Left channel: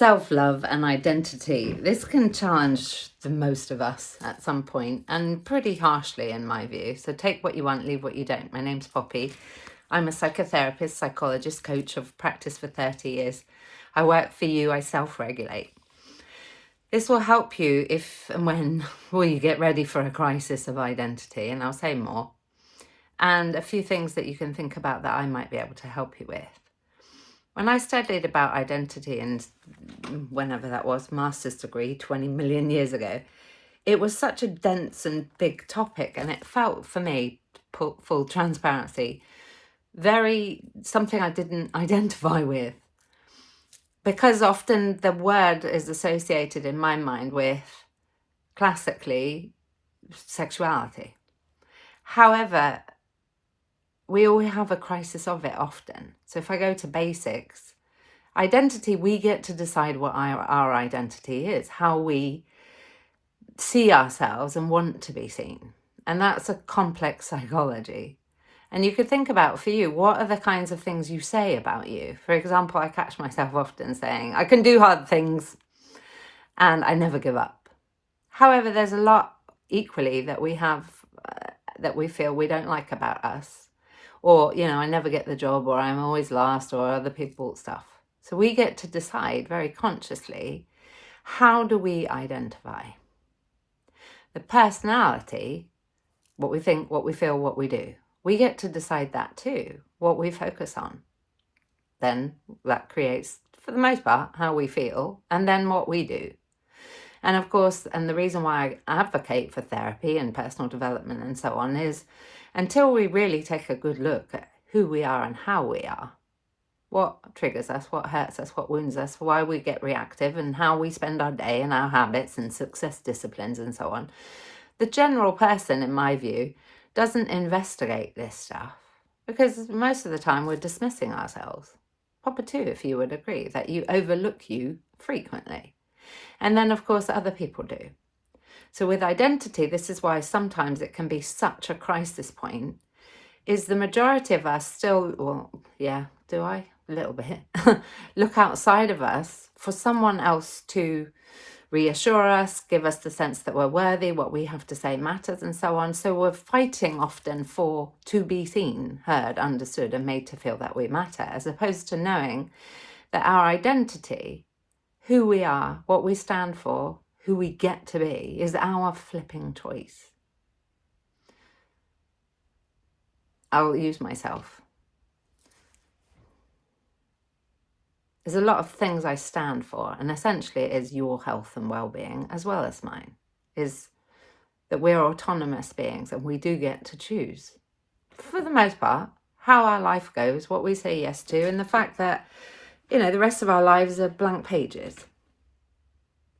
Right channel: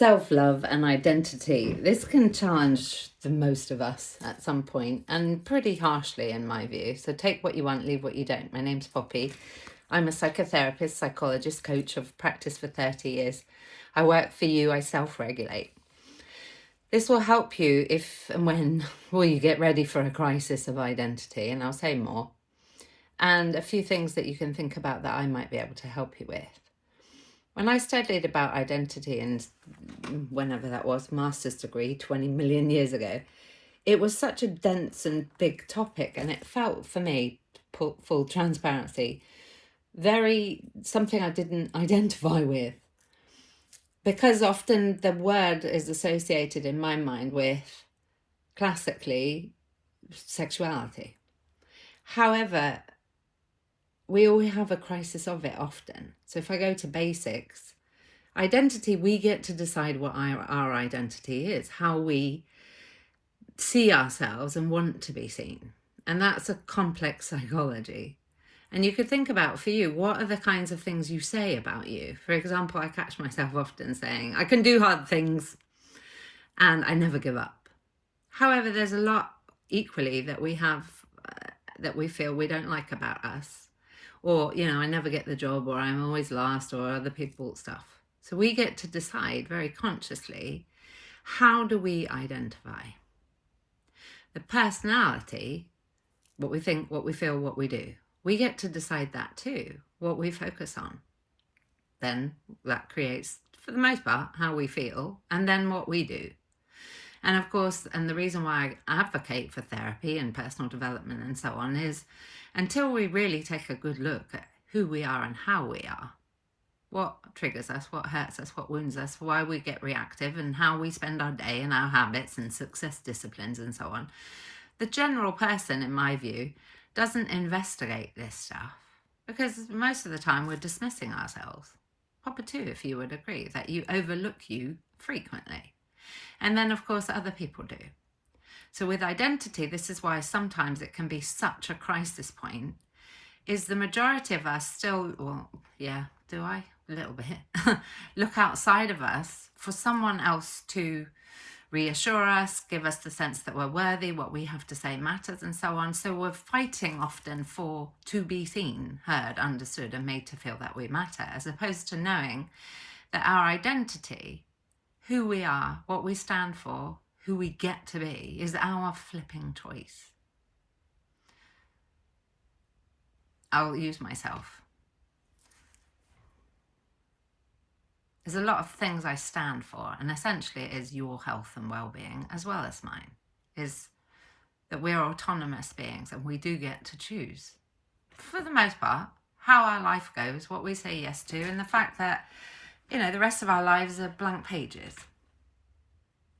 Self-love and identity. This can challenge the most of us at some point, and pretty harshly in my view. So take what you want, leave what you don't. My name's Poppy. I'm a psychotherapist, psychologist, coach. I've practiced for 30 years. I work for you, I self-regulate. This will help you if and when you get ready for a crisis of identity, and I'll say more. And a few things that you can think about that I might be able to help you with. When I studied about identity, and whenever that was, master's degree 20 million years ago, it was such a dense and big topic, and it felt for me, full transparency, very something I didn't identify with, because often the word is associated in my mind with classically sexuality. However, we all have a crisis of it often. So if I go to basics, identity, we get to decide what our identity is, how we see ourselves and want to be seen. And that's a complex psychology. And you could think about, for you, what are the kinds of things you say about you? For example, I catch myself often saying, I can do hard things and I never give up. However, there's a lot equally that we have that we feel we don't like about us. Or, I never get the job, or I'm always last, or other people stuff. So we get to decide very consciously, how do we identify? The personality, what we think, what we feel, what we do. We get to decide that too, what we focus on. Then that creates, for the most part, how we feel, and then what we do. And of course, and the reason why I advocate for therapy and personal development and so on is, until we really take a good look at who we are and how we are, what triggers us, what hurts us, what wounds us, why we get reactive, and how we spend our day and our habits and success disciplines and so on, the general person, in my view, doesn't investigate this stuff, because most of the time we're dismissing ourselves. Papa too, if you would agree, that you overlook you frequently. And then, of course, other people do. So with identity, this is why sometimes it can be such a crisis point, is the majority of us still, well, yeah, do I? A little bit. Look outside of us for someone else to reassure us, give us the sense that we're worthy, what we have to say matters, and so on. So we're fighting often to be seen, heard, understood, and made to feel that we matter, as opposed to knowing that our identity, who we are, what we stand for, who we get to be, is our flipping choice. I'll use myself. There's a lot of things I stand for, and essentially it is your health and well-being as well as mine, is that we're autonomous beings and we do get to choose, for the most part, how our life goes, what we say yes to, and the fact that, the rest of our lives are blank pages.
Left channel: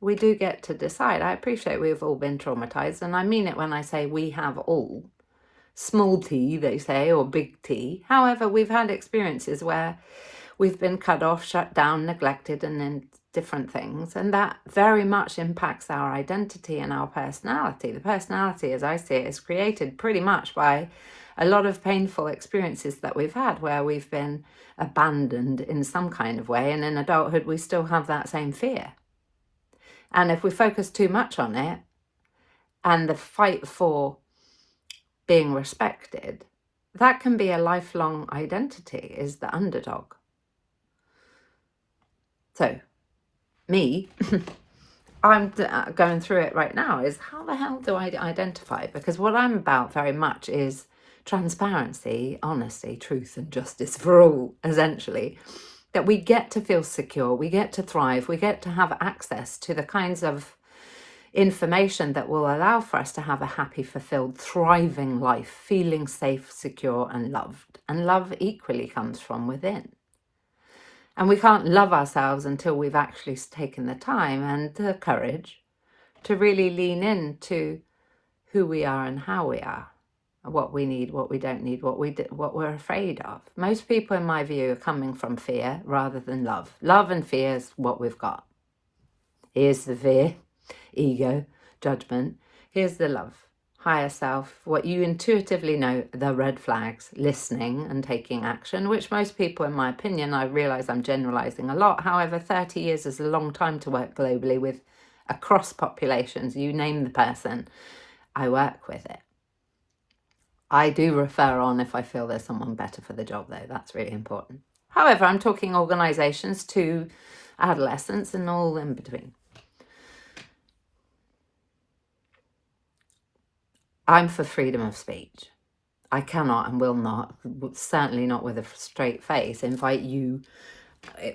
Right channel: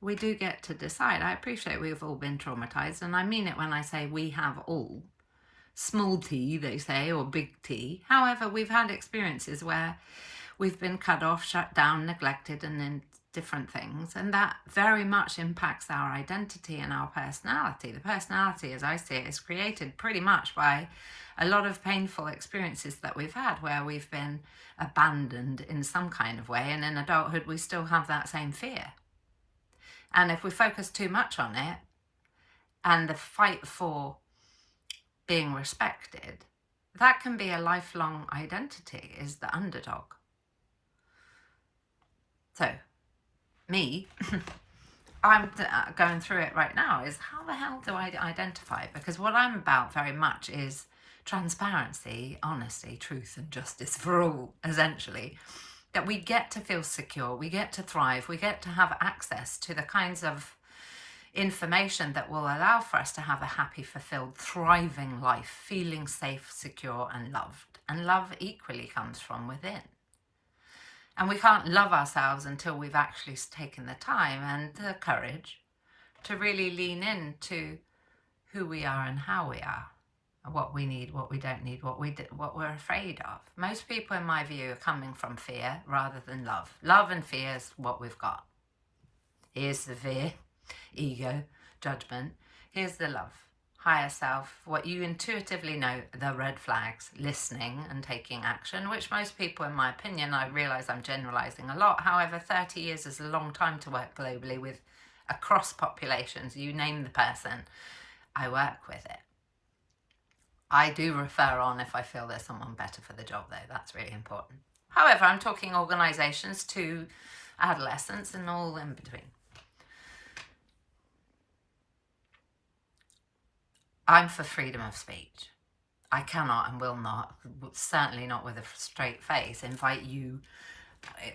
We do get to decide. I appreciate we've all been traumatized, and I mean it when I say we have all. Small t, they say, or big T. However, we've had experiences where we've been cut off, shut down, neglected, and in different things, and that very much impacts our identity and our personality. The personality, as I see it, is created pretty much by a lot of painful experiences that we've had, where we've been abandoned in some kind of way, and in adulthood we still have that same fear. And if we focus too much on it, and the fight for being respected, that can be a lifelong identity, is the underdog. So, me, I'm going through it right now, is how the hell do I identify? Because what I'm about very much is transparency, honesty, truth, and justice for all, essentially. That we get to feel secure, we get to thrive, we get to have access to the kinds of information that will allow for us to have a happy, fulfilled, thriving life, feeling safe, secure, and loved. And love equally comes from within. And we can't love ourselves until we've actually taken the time and the courage to really lean into who we are and how we are. What we need, what we don't need, what we're afraid of. Most people, in my view, are coming from fear rather than love. Love and fear is what we've got. Here's the fear, ego, judgment. Here's the love, higher self, what you intuitively know, the red flags, listening and taking action, which most people, in my opinion, I realise I'm generalising a lot. However, 30 years is a long time to work globally with across populations. You name the person, I work with it. I do refer on if I feel there's someone better for the job, though. That's really important. However, I'm talking organisations to adolescents and all in between. I'm for freedom of speech. I cannot and will not, certainly not with a straight face, invite you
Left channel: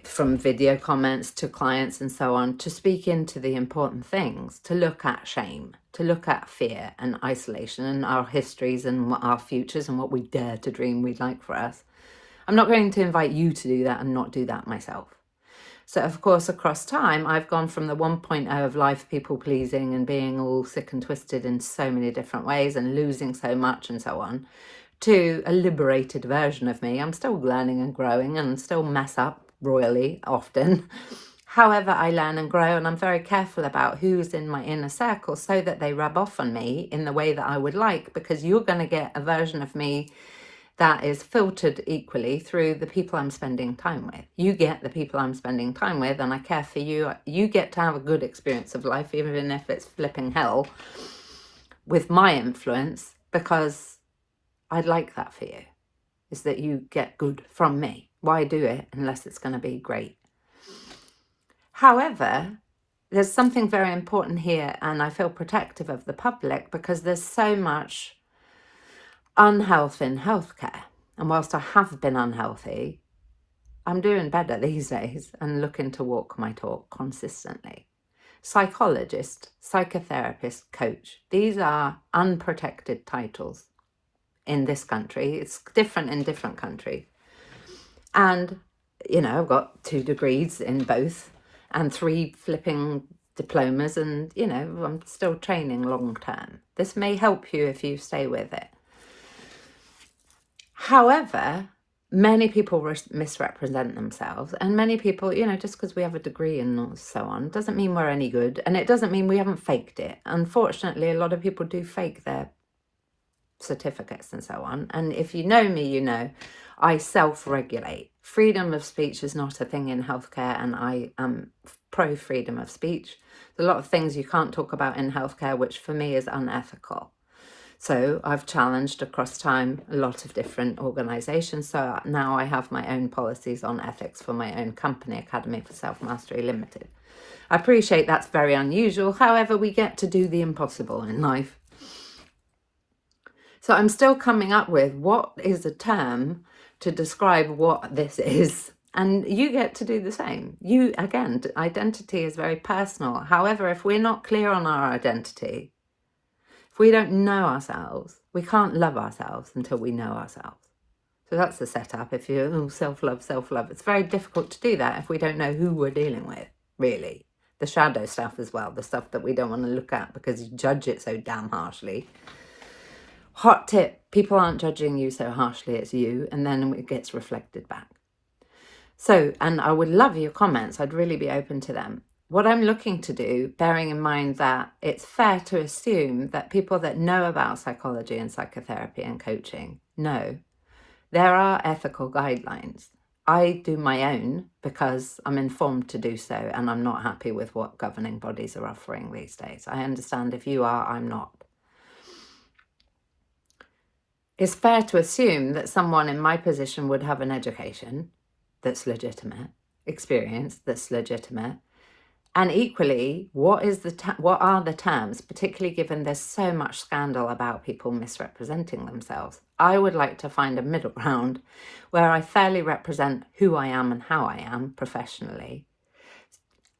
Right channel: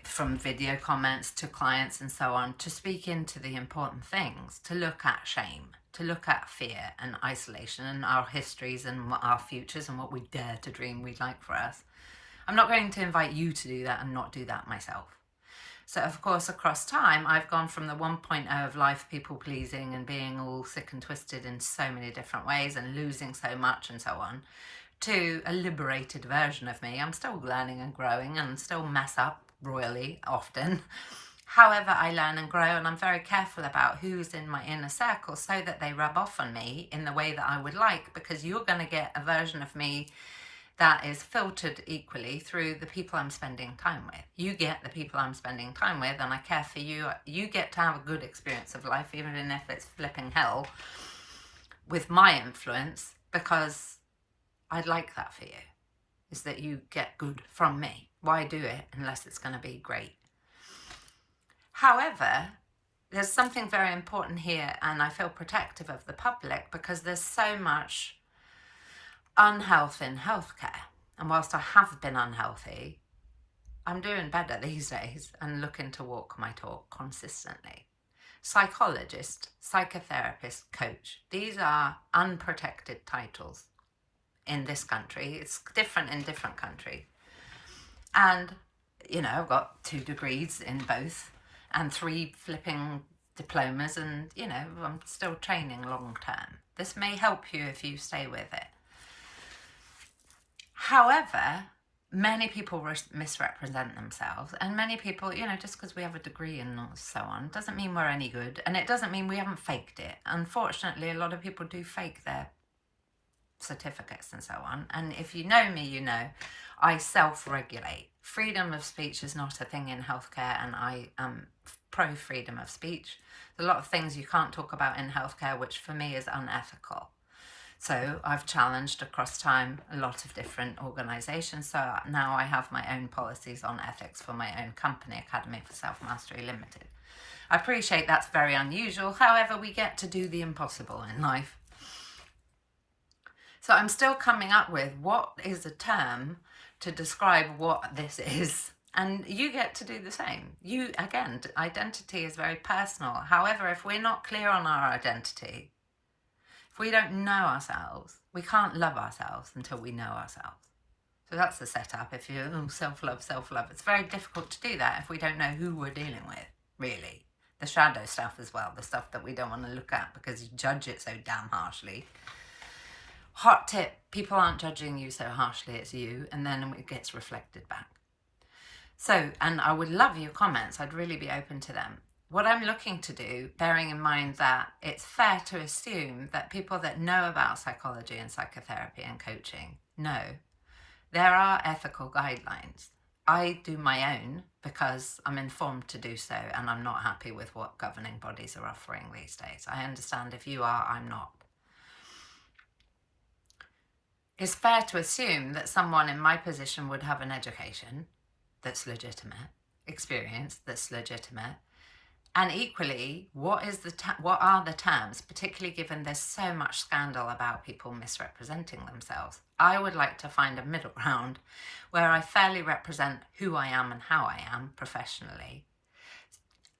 from video comments to clients and so on to speak into the important things, to look at shame, to look at fear and isolation and our histories and our futures and what we dare to dream we'd like for us. I'm not going to invite you to do that and not do that myself. So, of course, across time, I've gone from the 1.0 of life people pleasing and being all sick and twisted in so many different ways and losing so much and so on, to a liberated version of me. I'm still learning and growing and still mess up royally often. However, I learn and grow, and I'm very careful about who's in my inner circle so that they rub off on me in the way that I would like, because you're going to get a version of me that is filtered equally through the people I'm spending time with. You get the people I'm spending time with, and I care for you. You get to have a good experience of life, even if it's flipping hell, with my influence, because I'd like that for you, is that you get good from me. Why do it unless it's going to be great? However, there's something very important here, and I feel protective of the public because there's so much unhealth in healthcare. And whilst I have been unhealthy, I'm doing better these days and looking to walk my talk consistently. Psychologist, psychotherapist, coach, these are unprotected titles in this country. It's different in different countries. And, you know, I've got 2 degrees in both and 3 flipping diplomas, and, you know, I'm still training long term. This may help you if you stay with it. However, many people misrepresent themselves, and many people, you know, just because we have a degree and so on, doesn't mean we're any good, and it doesn't mean we haven't faked it. Unfortunately, a lot of people do fake their certificates and so on, and if you know me, you know I self-regulate. Freedom of speech is not a thing in healthcare, and I am pro freedom of speech. There's a lot of things you can't talk about in healthcare, which for me is unethical. So I've challenged across time a lot of different organisations. So now I have my own policies on ethics for my own company, Academy for Self-Mastery Ltd. I appreciate that's very unusual. However, we get to do the impossible in life. So I'm still coming up with what is a term to describe what this is. And you get to do the same. You, again, identity is very personal. However, if we're not clear on our identity, if we don't know ourselves, we can't love ourselves until we know ourselves. So that's the setup. If you self-love, it's very difficult to do that if we don't know who we're dealing with, really. The shadow stuff as well, the stuff that we don't want to look at because you judge it so damn harshly. Hot tip, people aren't judging you so harshly, it's you, and then it gets reflected back. So, and I would love your comments. I'd really be open to them. What I'm looking to do, bearing in mind that it's fair to assume that people that know about psychology and psychotherapy and coaching know there are ethical guidelines. I do my own because I'm informed to do so, and I'm not happy with what governing bodies are offering these days. I understand if you are, I'm not. It's fair to assume that someone in my position would have an education that's legitimate, experience that's legitimate, and equally, what are the terms, particularly given there's so much scandal about people misrepresenting themselves? I would like to find a middle ground where I fairly represent who I am and how I am professionally,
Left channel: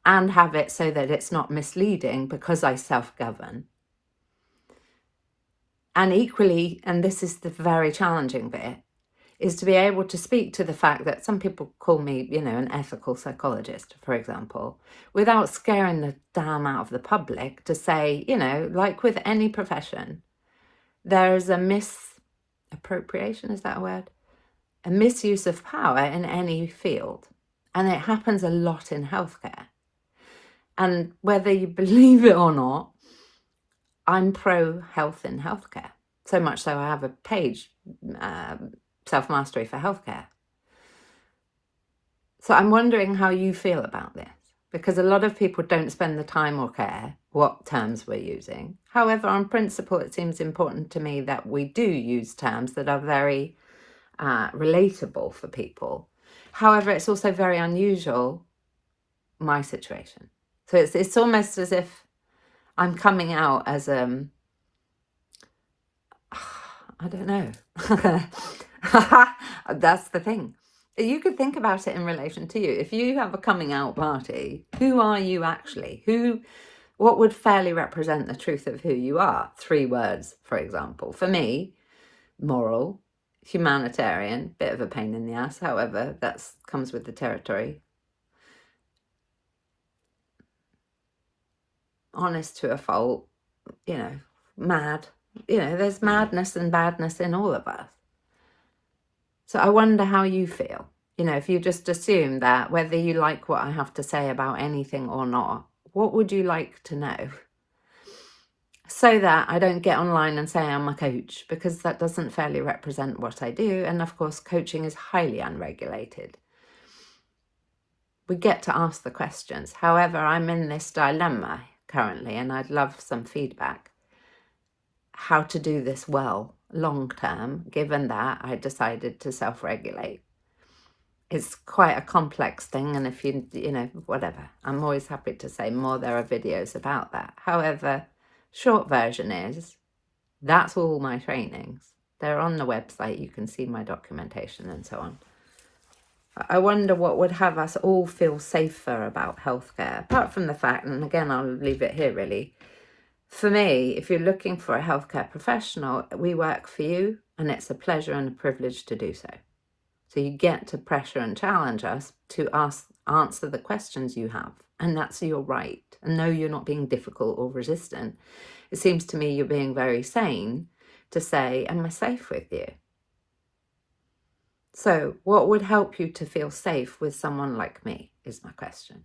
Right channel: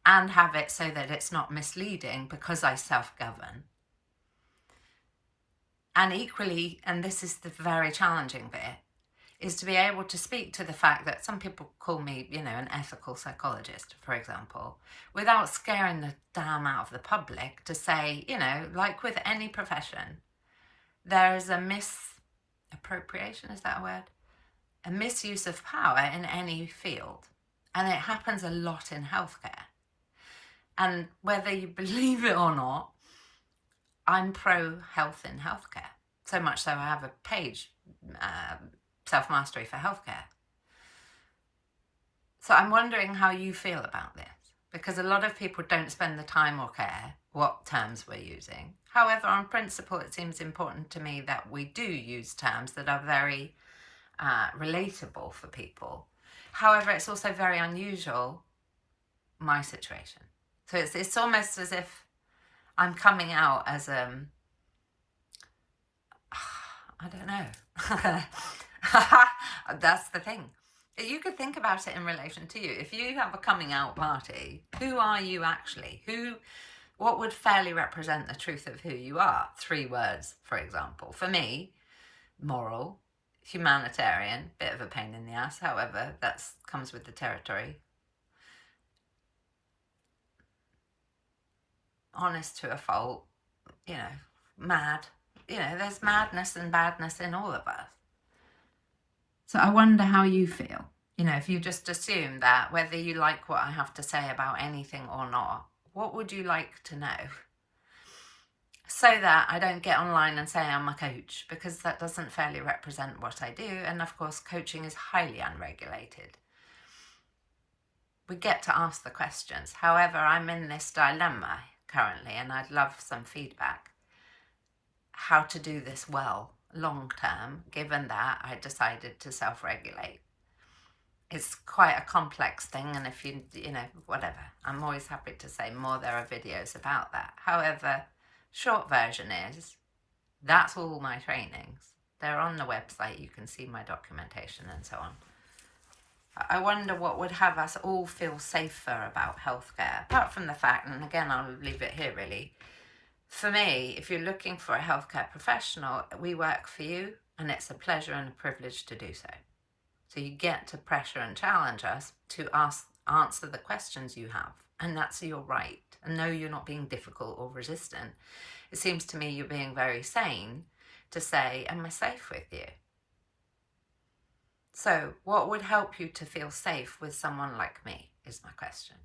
and have it so that it's not misleading because I self-govern. And equally, and this is the very challenging bit, is to be able to speak to the fact that some people call me, you know, an ethical psychologist, for example, without scaring the damn out of the public, to say, you know, like with any profession, there is a misappropriation, is that a word? A misuse of power in any field. And it happens a lot in healthcare. And whether you believe it or not, I'm pro health in healthcare. So much so I have a page, Self-Mastery for Healthcare. So I'm wondering how you feel about this, because a lot of people don't spend the time or care what terms we're using. However, on principle, it seems important to me that we do use terms that are very relatable for people. However, it's also very unusual, my situation. So it's almost as if I'm coming out as I don't know. That's the thing. You could think about it in relation to you. If you have a coming out party, who are you actually? What would fairly represent the truth of who you are? 3 words, for example. For me, moral, humanitarian, bit of a pain in the ass, however, that comes with the territory. Honest to a fault, mad. There's madness and badness in all of us. So I wonder how you feel. If you just assume that whether you like what I have to say about anything or not, what would you like to know? So that I don't get online and say I'm a coach, because that doesn't fairly represent what I do. And of course, coaching is highly unregulated. We get to ask the questions. However, I'm in this dilemma currently, and I'd love some feedback. How to do this well, long term, given that I decided to self-regulate. It's quite a complex thing, and if whatever, I'm always happy to say more. There are videos about that. However, short version is, that's all my trainings. They're on the website. You can see my documentation and so on. I wonder what would have us all feel safer about healthcare, apart from the fact, and again, I'll leave it here really. For me, if you're looking for a healthcare professional, we work for you, and it's a pleasure and a privilege to do so. So you get to pressure and challenge us to answer the questions you have, and that's your right. And no, you're not being difficult or resistant. It seems to me you're being very sane to say, am I safe with you? So what would help you to feel safe with someone like me is my question.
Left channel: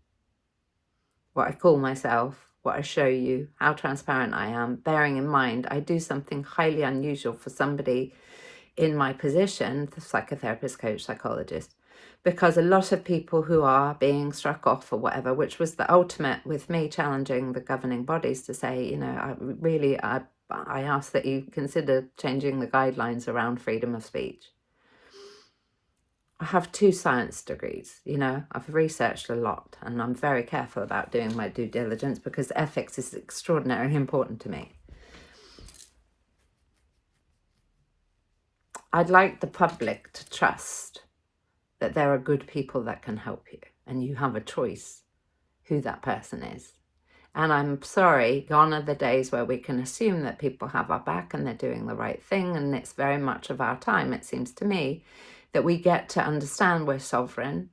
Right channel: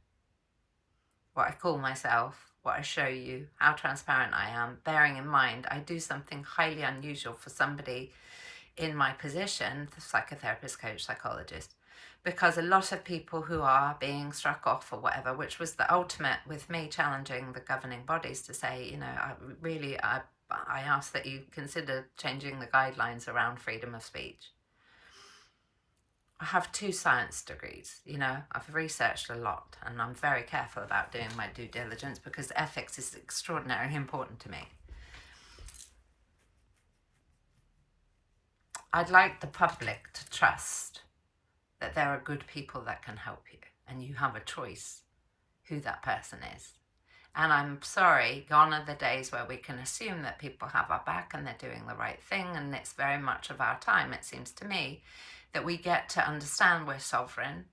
What I call myself, what I show you, how transparent I am, bearing in mind I do something highly unusual for somebody in my position, the psychotherapist, coach, psychologist, because a lot of people who are being struck off or whatever, which was the ultimate with me challenging the governing bodies to say, I ask that you consider changing the guidelines around freedom of speech. I have 2 science degrees, I've researched a lot, and I'm very careful about doing my due diligence because ethics is extraordinarily important to me. I'd like the public to trust that there are good people that can help you, and you have a choice who that person is. And I'm sorry, gone are the days where we can assume that people have our back and they're doing the right thing, and it's very much of our time, it seems to me, that we get to understand we're sovereign.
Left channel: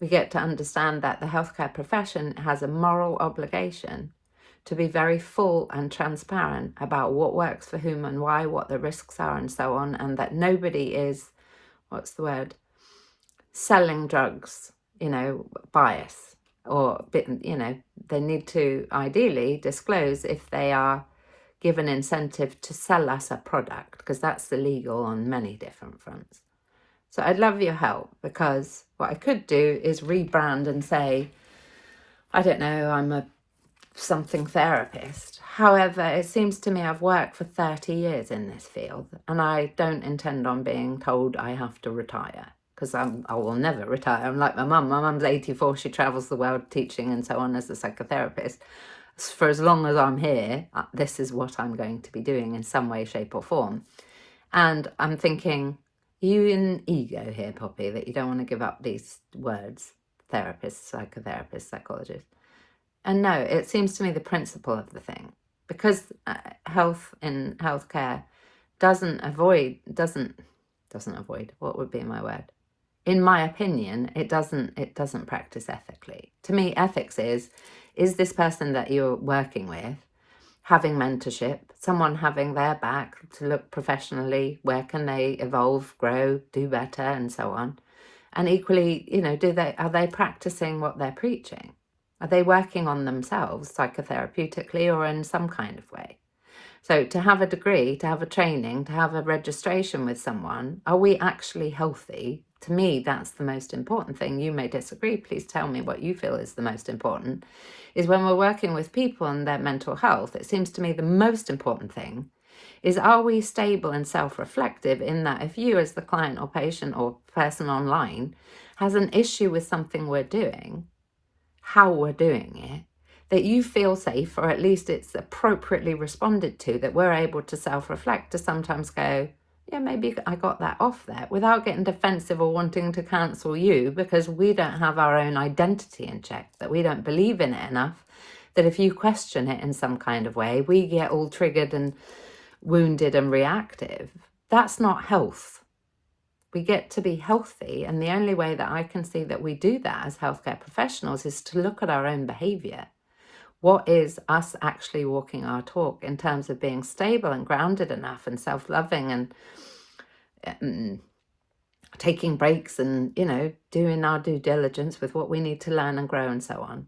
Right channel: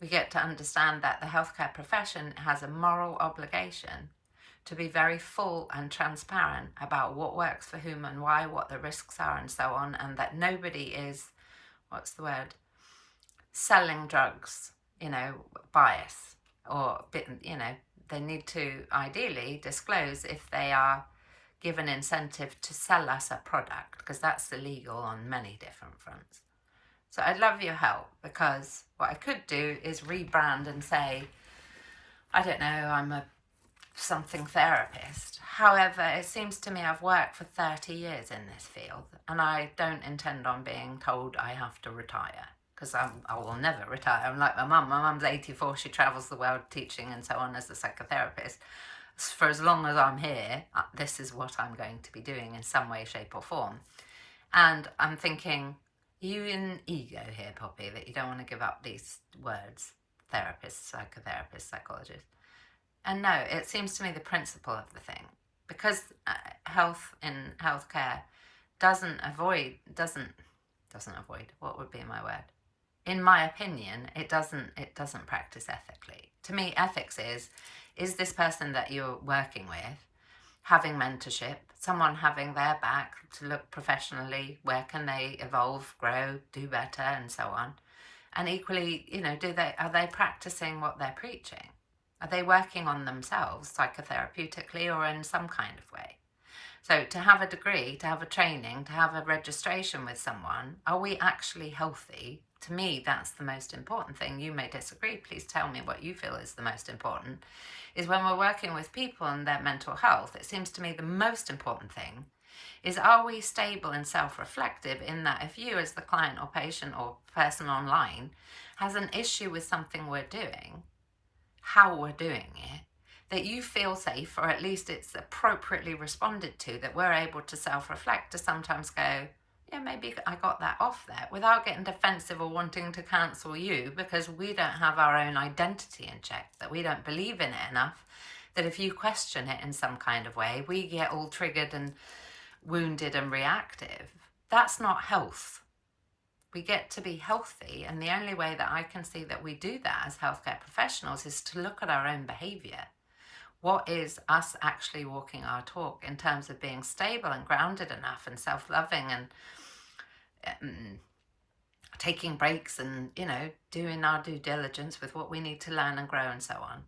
We get to understand that the healthcare profession has a moral obligation to be very full and transparent about what works for whom and why, what the risks are and so on, and that nobody is, selling drugs, bias, or, they need to ideally disclose if they are given incentive to sell us a product, because that's illegal on many different fronts. So I'd love your help, because what I could do is rebrand and say, I don't know, I'm a something therapist. However, it seems to me I've worked for 30 years in this field, and I don't intend on being told I have to retire, because I will never retire. I'm like my mum. My mum's 84. She travels the world teaching and so on as a psychotherapist. For as long as I'm here, this is what I'm going to be doing in some way, shape or form. And I'm thinking, you in ego here, Poppy, that you don't want to give up these words, therapist, psychotherapist, psychologist. And no, it seems to me the principle of the thing, because health in healthcare doesn't avoid, what would be my word? In my opinion, it doesn't practice ethically. To me, ethics is this person that you're working with having mentorship, someone having their back to look professionally, where can they evolve, grow, do better, and so on. And equally, are they practicing what they're preaching? Are they working on themselves psychotherapeutically or in some kind of way? So to have a degree, to have a training, to have a registration with someone, are we actually healthy? To me, that's the most important thing. You may disagree. Please tell me what you feel is the most important. Is when we're working with people and their mental health, it seems to me the most important thing is, are we stable and self-reflective in that if you as the client or patient or person online has an issue with something we're doing, how we're doing it, that you feel safe, or at least it's appropriately responded to, that we're able to self-reflect, to sometimes go, yeah, maybe I got that off there, without getting defensive or wanting to cancel you because we don't have our own identity in check, that we don't believe in it enough, that if you question it in some kind of way, we get all triggered and wounded and reactive. That's not health. We get to be healthy, and the only way that I can see that we do that as healthcare professionals is to look at our own behaviour. What is us actually walking our talk in terms of being stable and grounded enough and self-loving and taking breaks and, you know, doing our due diligence with what we need to learn and grow and so on.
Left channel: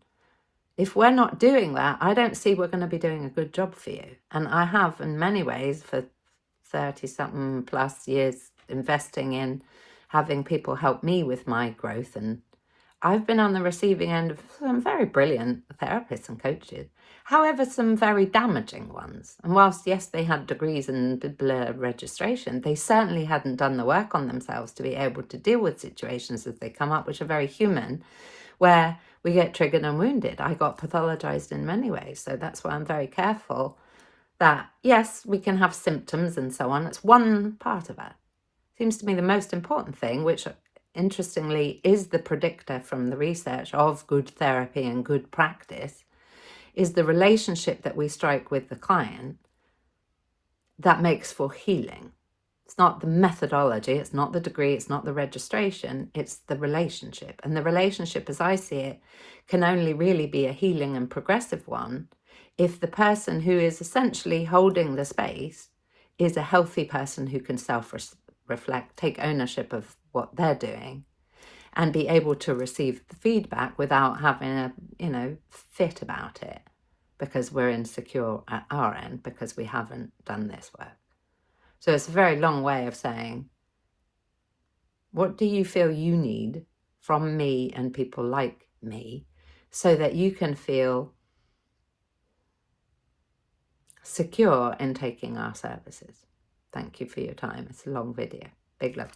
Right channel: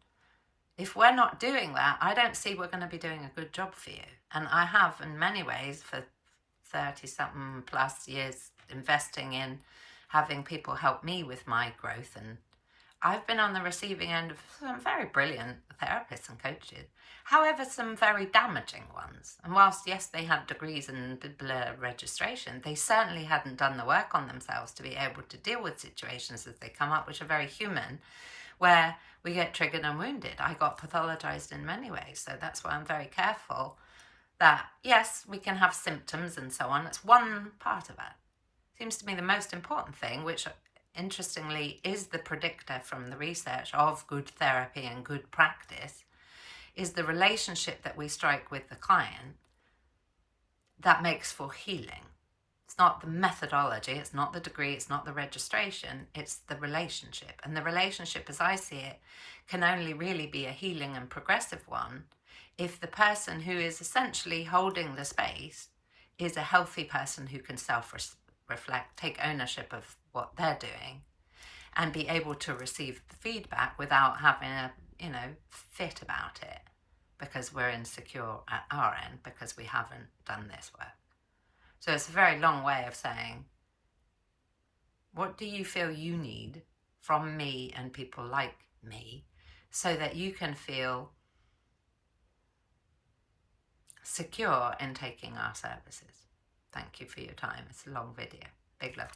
If we're not doing that, I don't see we're going to be doing a good job for you. And I have, in many ways, for 30-something plus years investing in having people help me with my growth, and I've been on the receiving end of some very brilliant therapists and coaches, however some very damaging ones. And whilst yes, they had degrees and registration, they certainly hadn't done the work on themselves to be able to deal with situations as they come up, which are very human, where we get triggered and wounded. I got pathologized in many ways, so that's why I'm very careful that, yes, we can have symptoms and so on. It's one part of it. Seems to me the most important thing, which interestingly is the predictor from the research of good therapy and good practice, is the relationship that we strike with the client that makes for healing. It's not the methodology, it's not the degree, it's not the registration, it's the relationship. And the relationship, as I see it, can only really be a healing and progressive one if the person who is essentially holding the space is a healthy person who can self-reflect, take ownership of what they're doing, and be able to receive the feedback without having a, fit about it because we're insecure at our end because we haven't done this work. So it's a very long way of saying, what do you feel you need from me and people like me so that you can feel secure in taking our services? Thank you for your time. It's a long video. Big love.